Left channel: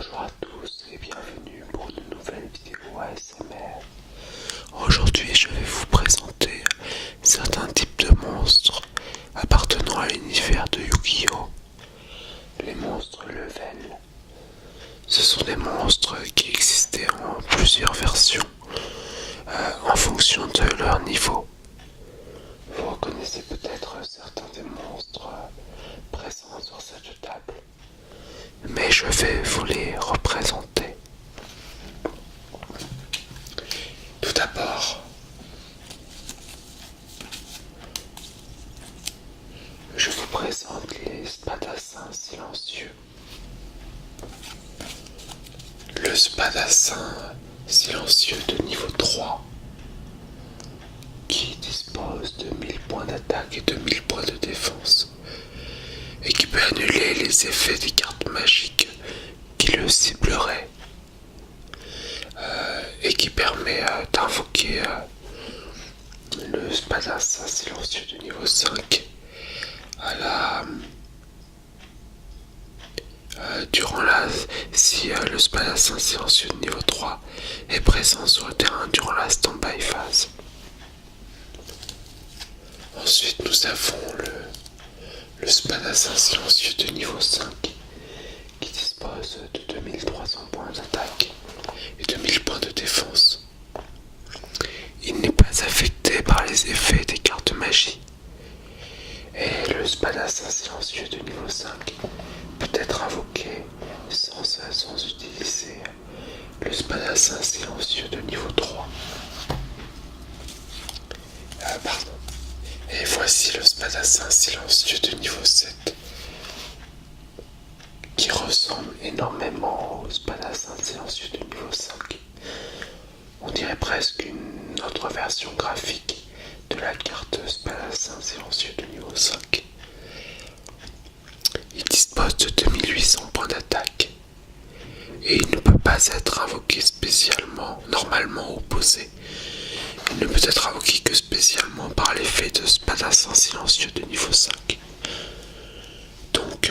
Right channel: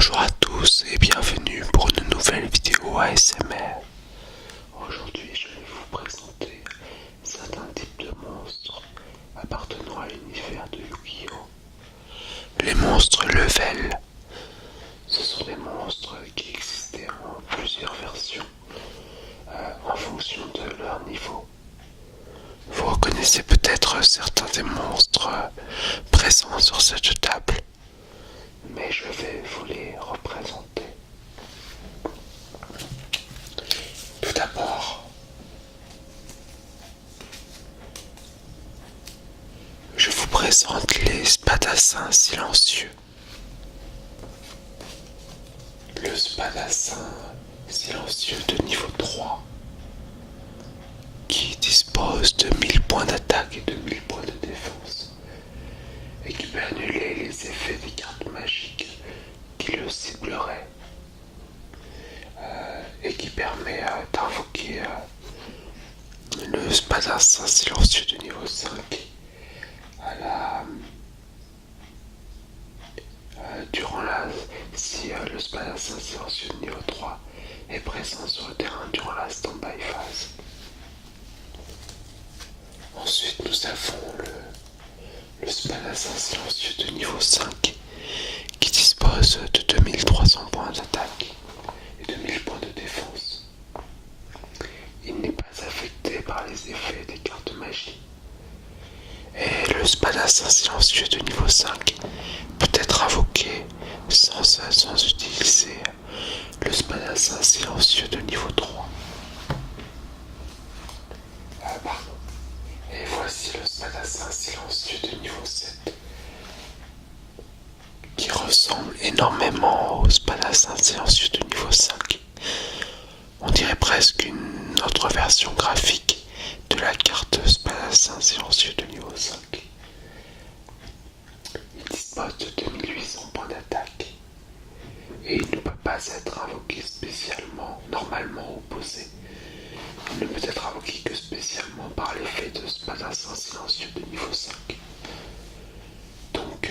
Bonjour à tous et bienvenue pour une nouvelle vidéo ASMR. Aujourd'hui je vais vous présenter certains types de monstres appartenant à l'univers de Yu-Gi-Oh! Les monstres level. Ce sont des monstres qui existaient en plusieurs versions en fonction de leur niveau. Vous reconnaissez peut-être certains des monstres présents sur cette table, mais je vais vous les représenter. Tout d'abord, je vous présente les spadassins silencieux. Le spadassin silencieux de niveau 3 qui dispose de 1000 points d'attaque et de 1000 points de défense et qui peut annuler les effets des cartes magiques qui le cibleraient et qui permet d'invoquer le spadassin silencieux de niveau 5 à la si le spadassin silencieux de niveau 3 est présent sur le terrain durant la stand-by phase. Ensuite nous avons le spadassin silencieux de niveau 5 qui dispose de 2300 points d'attaque et de 1000 points de défense. Il n'est pas affecté par les effets des cartes magie. Et le spadassin silencieux de niveau 5 peut être invoqué sans utiliser le spadassin silencieux de niveau 3. Pardon. Et voici le spadassin silencieux de niveau 7 qui ressemble énormément au spadassin silencieux de niveau 5. On dirait presque une autre version graphique de la carte spadassin silencieux de niveau 5. Il dispose de 2800 points d'attaque et il ne peut pas être invoqué spécialement, normalement opposé. Il ne peut être invoqué que spécialement par l'effet de spadassin silencieux de niveau 5. Donc,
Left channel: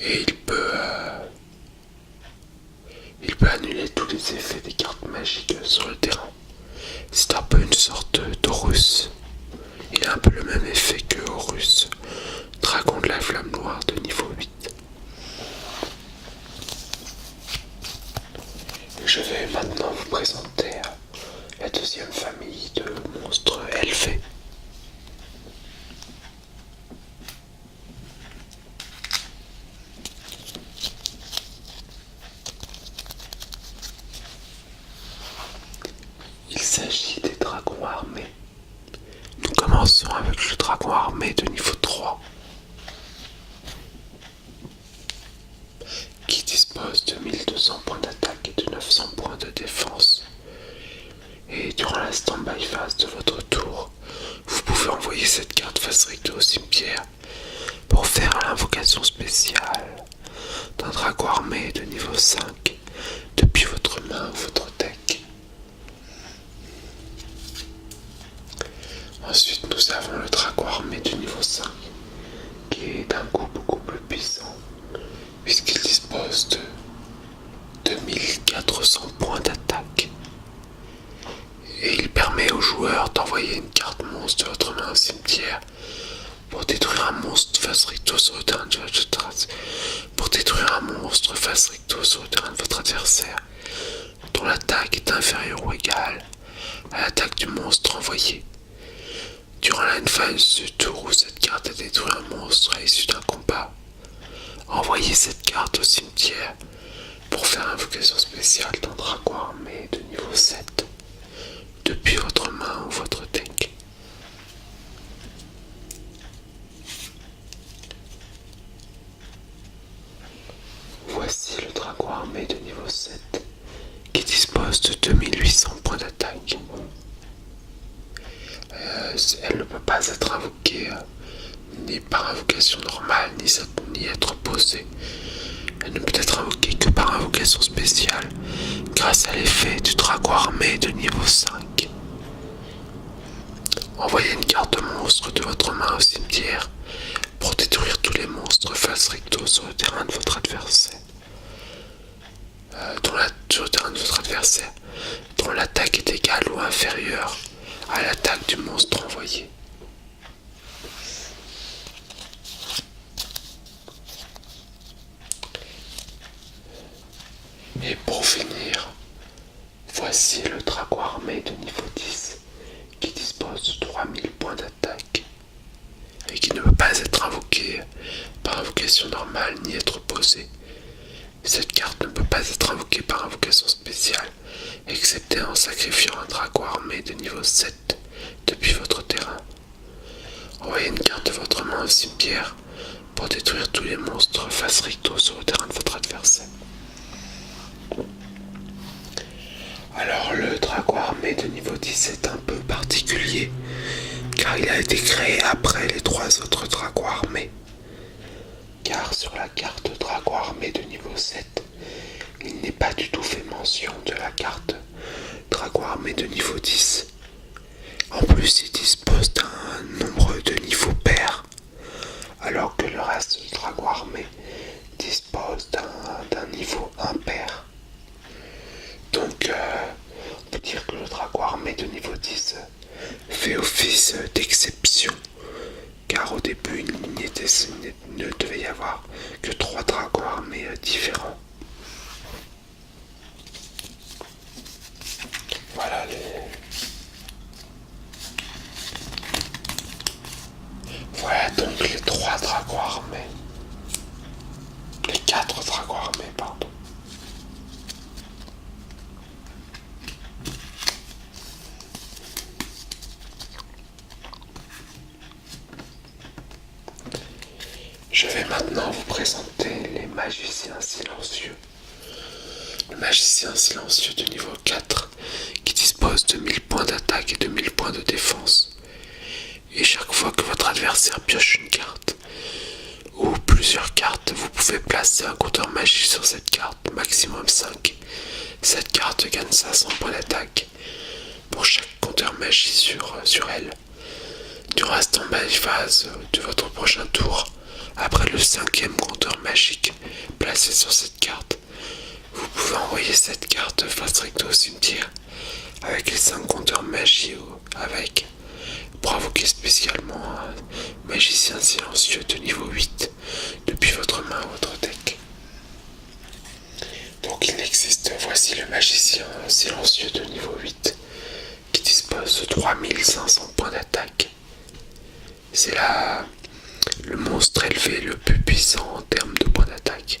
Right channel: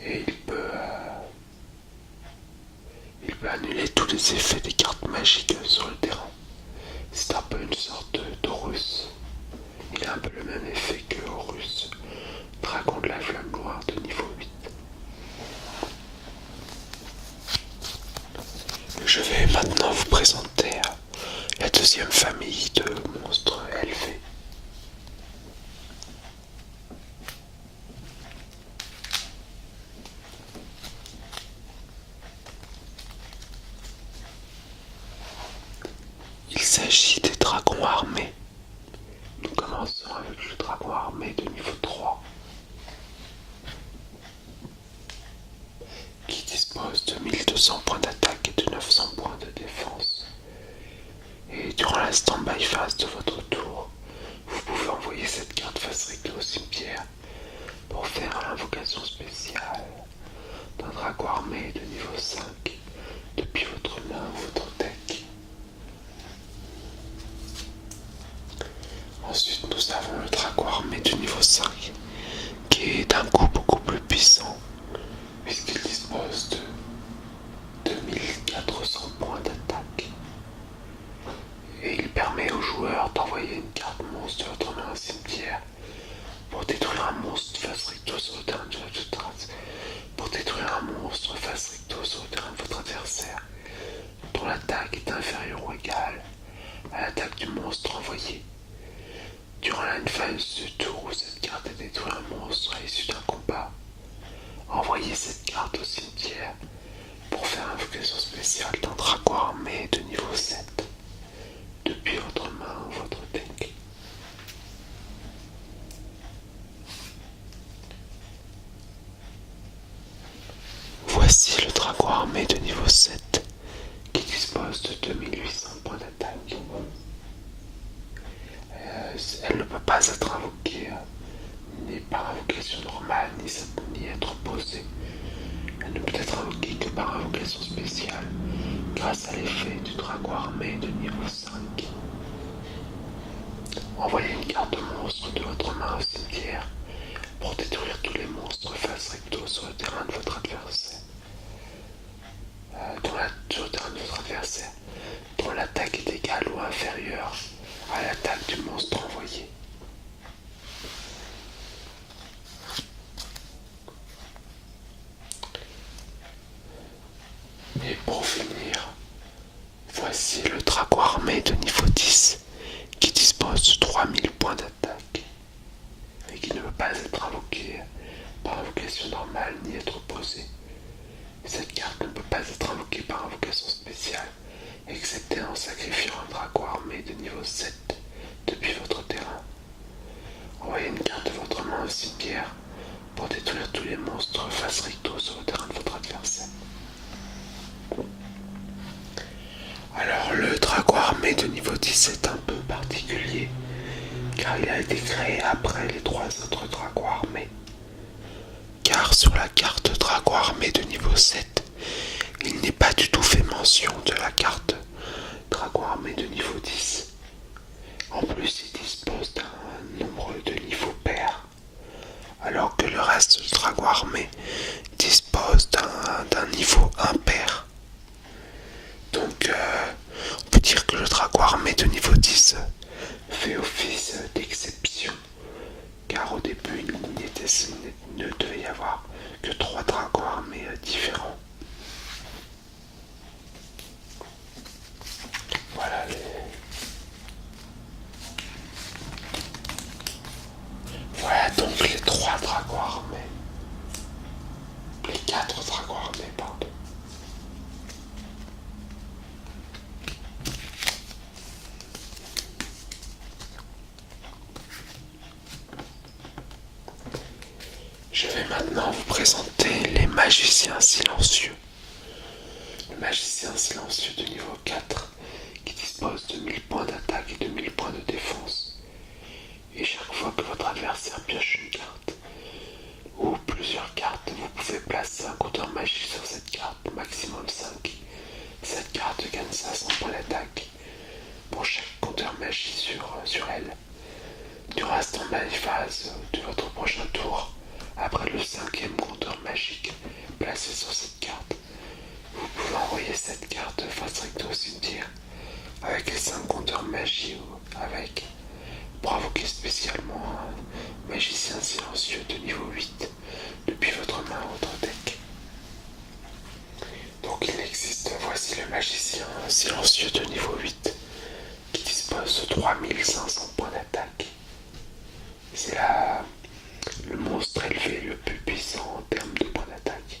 et il peut annuler tous les effets des cartes magiques sur le terrain. C'est un peu une sorte d'Horus. Il a un peu le même effet que Horus, dragon de la flamme noire de niveau 8. Je vais maintenant vous présenter la deuxième famille de monstres élevés. Il s'agit des dragons armés. Nous commençons avec le dragon armé de niveau 3 qui dispose de 1200 points d'attaque et de 900 points de défense. Et durant la stand-by phase de votre tour, vous pouvez envoyer cette carte face recto au cimetière pour faire l'invocation spéciale d'un dragon armé de niveau 5 depuis votre main ou votre deck. Ensuite, nous avons le dragon armé de niveau 5 qui est d'un coup beaucoup plus puissant puisqu'il dispose de 2400 points d'attaque. Et il permet aux joueurs d'envoyer une carte monstre de votre main au cimetière pour détruire un monstre face recto sur le terrain de votre adversaire dont l'attaque est inférieure ou égale à l'attaque du monstre envoyé. Durant la phase du tour où cette carte a détruit un monstre à l'issue d'un combat, envoyez cette carte au cimetière pour faire invocation spéciale d'un dragon armé de niveau 7 depuis votre main ou votre deck. Voici le dragon armé de niveau 7 qui dispose de 2800 points d'attaque. Elle ne peut pas être invoquée ni par invocation normale ni être posée. Elle ne peut être invoquée que par invocation spéciale grâce à l'effet du dragon armé de niveau 5. Envoyez une carte monstre de votre main au cimetière pour détruire tous les monstres face recto sur le terrain de votre adversaire. Pour finir, voici le dragon armé de niveau 10 qui dispose de 3000 points d'attaque et qui ne peut pas être invoqué par invocation normale ni être posé. Cette carte ne peut pas être invoquée par invocation spéciale, excepté en sacrifiant un dragon armé de niveau 7 depuis votre terrain. Envoyez une carte de votre main au cimetière pour détruire tous les monstres face recto sur le terrain de votre adversaire. Alors le dragon armé de niveau 10 est un peu particulier, car il a été créé après les 3 autres dragons armés. Car sur la carte dragon armé de niveau 7, il n'est pas du tout fait mention de la carte dragon armé de niveau 10. En plus, il dispose d'un nombre de niveaux pairs, alors que le reste du dragon armé dispose d'un niveau impair. Donc, on peut dire que le dragon armé de niveau 10 fait office d'exception, car au début, il ne devait y avoir que 3 dragons armés différents. Voilà Voilà donc les 3 dragons armés. Les 4 dragons armés, pardon. Je vais maintenant vous présenter les magiciens silencieux. Le magicien silencieux de niveau 4 qui dispose de 1000 points d'attaque et de 1000 points de défense. Et chaque fois que votre adversaire pioche une carte ou plusieurs cartes, vous pouvez placer un compteur magie sur cette carte, maximum 5. Cette carte gagne 500 points d'attaque pour chaque compteur magie sur elle. Durant la stand-by phase de votre prochain tour, après le 5e compteur magique placé sur cette carte, vous pouvez envoyer cette carte face recto au cimetière avec les 5 compteurs magie avec pour invoquer spécialement un magicien silencieux de niveau 8 depuis votre main ou votre deck. Donc il existe, voici le magicien silencieux de niveau 8 qui dispose de 3500 points d'attaque. C'est le monstre élevé le plus puissant en termes de points d'attaque,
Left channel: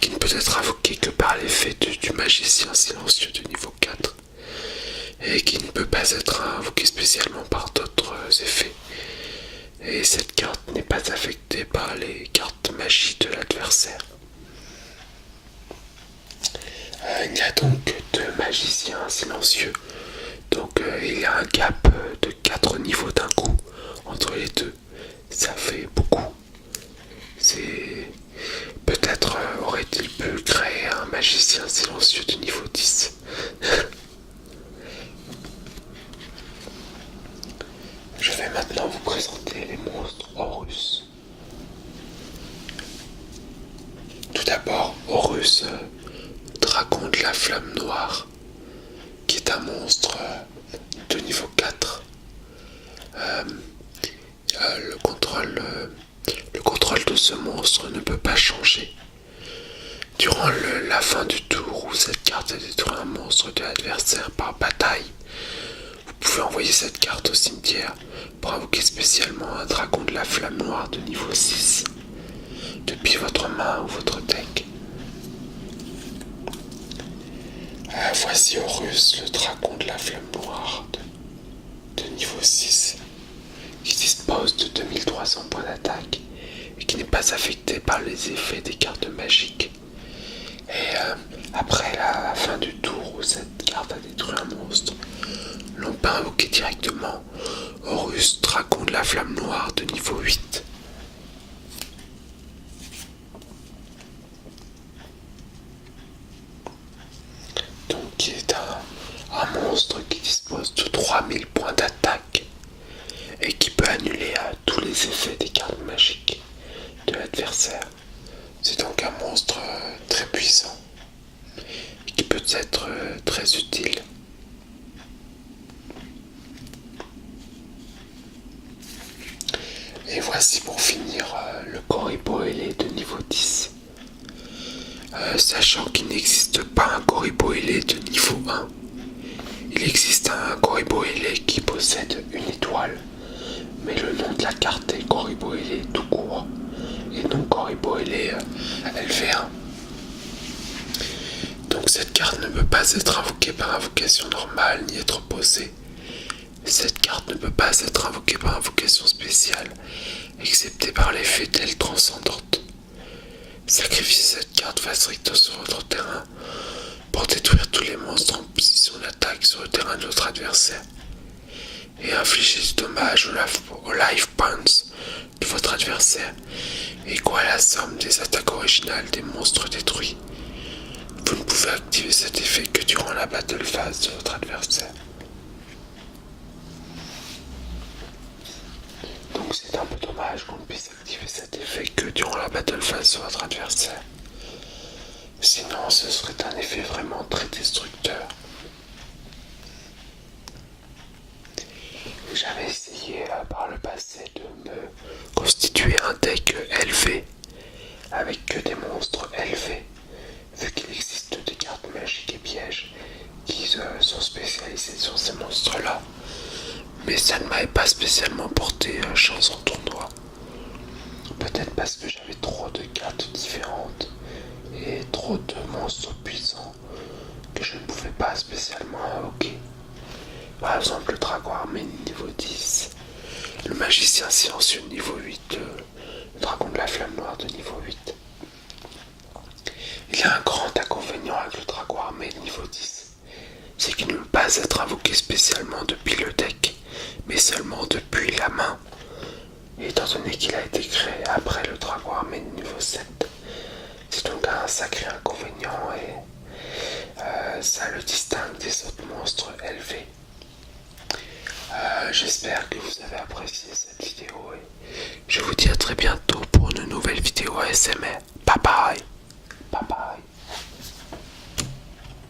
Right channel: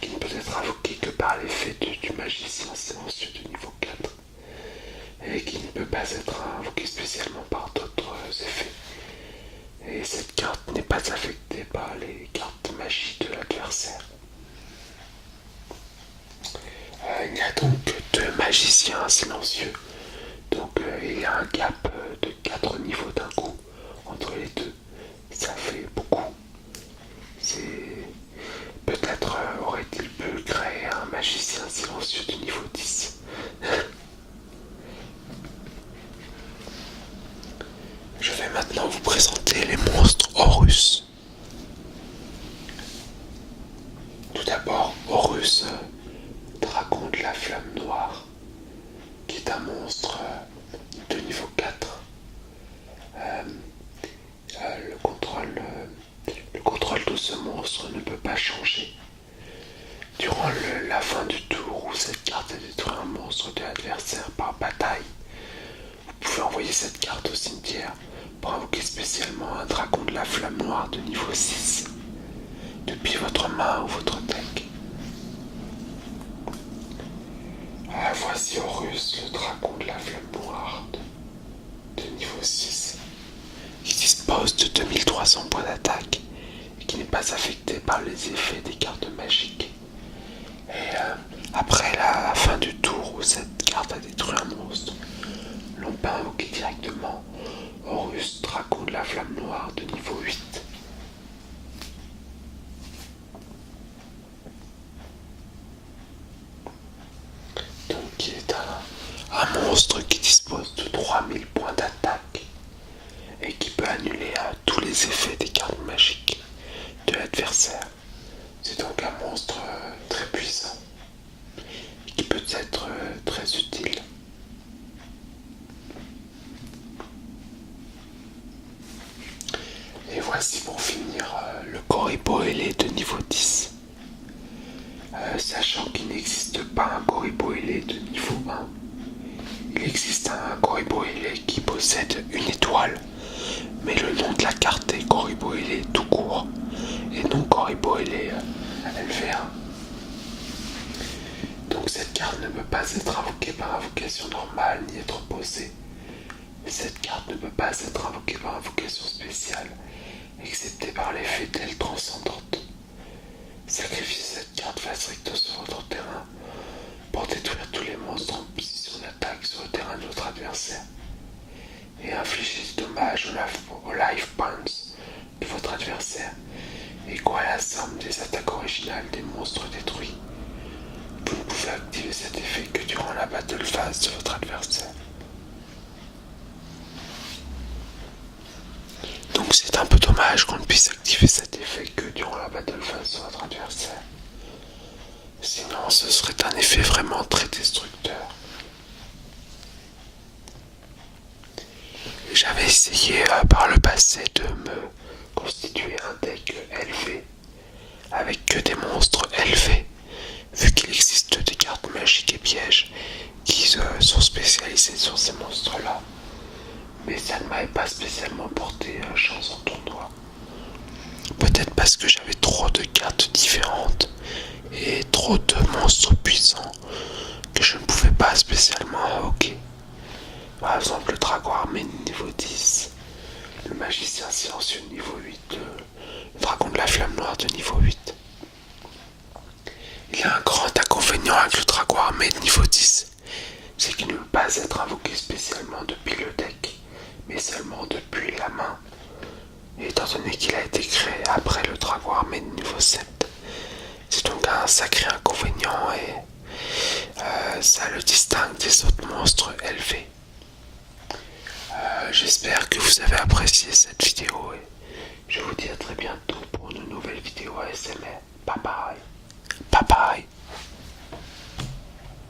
qui ne peut être invoqué que par l'effet du magicien silencieux de niveau 4 et qui ne peut pas être invoqué spécialement par d'autres effets. Et cette carte n'est pas affectée par les cartes magie de l'adversaire. Il y a donc 2 magiciens silencieux. Donc il y a un gap de 4 niveaux d'un coup entre les deux. Ça fait beaucoup. Peut-être aurait-il pu créer un magicien silencieux de niveau 10. Je vais maintenant vous présenter les monstres Horus. Tout d'abord, Horus, dragon de la flamme noire, qui est un monstre de niveau 4. Le contrôle de ce monstre ne peut pas changer. Durant la fin du tour où cette carte a détruit un monstre de l'adversaire par bataille, vous pouvez envoyer cette carte au cimetière pour invoquer spécialement un dragon de la flamme noire de niveau 6 depuis votre main ou votre deck. Voici Horus, le dragon de la flamme noire de niveau 6, qui dispose de 2300 points d'attaque et qui n'est pas affecté par les effets des cartes magiques. Et après la fin du tour où cette carte a détruit un monstre, l'on peut invoquer directement Horus, dragon de la flamme noire de niveau 8. Donc il est un monstre qui dispose de 3000 points d'attaque et qui peut annuler tous les effets des cartes magiques de l'adversaire. C'est donc un monstre très puissant et qui peut être très utile. Et voici pour finir le Corribo ailé de niveau 10. Sachant qu'il n'existe pas un Corriboile de niveau 1. Il existe un Corriboile qui possède une étoile, mais le nom de la carte est Corriboile tout court, et non Corriboile LV1. Donc cette carte ne peut pas être invoquée par invocation normale ni être posée. Cette carte ne peut pas être invoquée par invocation spéciale, excepté par l'effet d'elle transcendante. Sacrifiez cette carte face recto sur votre terrain pour détruire tous les monstres en position d'attaque sur le terrain de votre adversaire et infliger du dommage aux life points de votre adversaire égaux à la somme des attaques originales des monstres détruits. Vous ne pouvez activer cet effet que durant la battle phase de votre adversaire. Donc c'est un peu dommage qu'on ne puisse activer cet effet que durant la battle phase de votre adversaire. Sinon ce serait un effet vraiment très destructeur. J'avais essayé par le passé de me constituer un deck LV avec que des monstres LV, vu qu'il existe des cartes magiques et pièges qui sont spécialisées sur ces monstres-là. Mais ça ne m'avait pas spécialement porté chance en tournoi. Peut-être parce que j'avais trop de cartes différentes et trop de monstres puissants que je ne pouvais pas spécialement invoquer. Par exemple, le dragon armé niveau 10, le magicien silencieux niveau 8, le dragon de la flamme noire de niveau 8. Il y a un grand inconvénient avec le dragon armé de niveau 10, c'est qu'il ne peut pas être invoqué spécialement depuis le deck, mais seulement depuis la main. Et étant donné qu'il a été créé après le dragon armé de niveau 7, c'est donc un sacré inconvénient et ça le distingue des autres monstres élevés. J'espère que vous avez apprécié cette vidéo et je vous dis à très bientôt pour une nouvelle vidéo ASMR. Bye bye. Bye bye.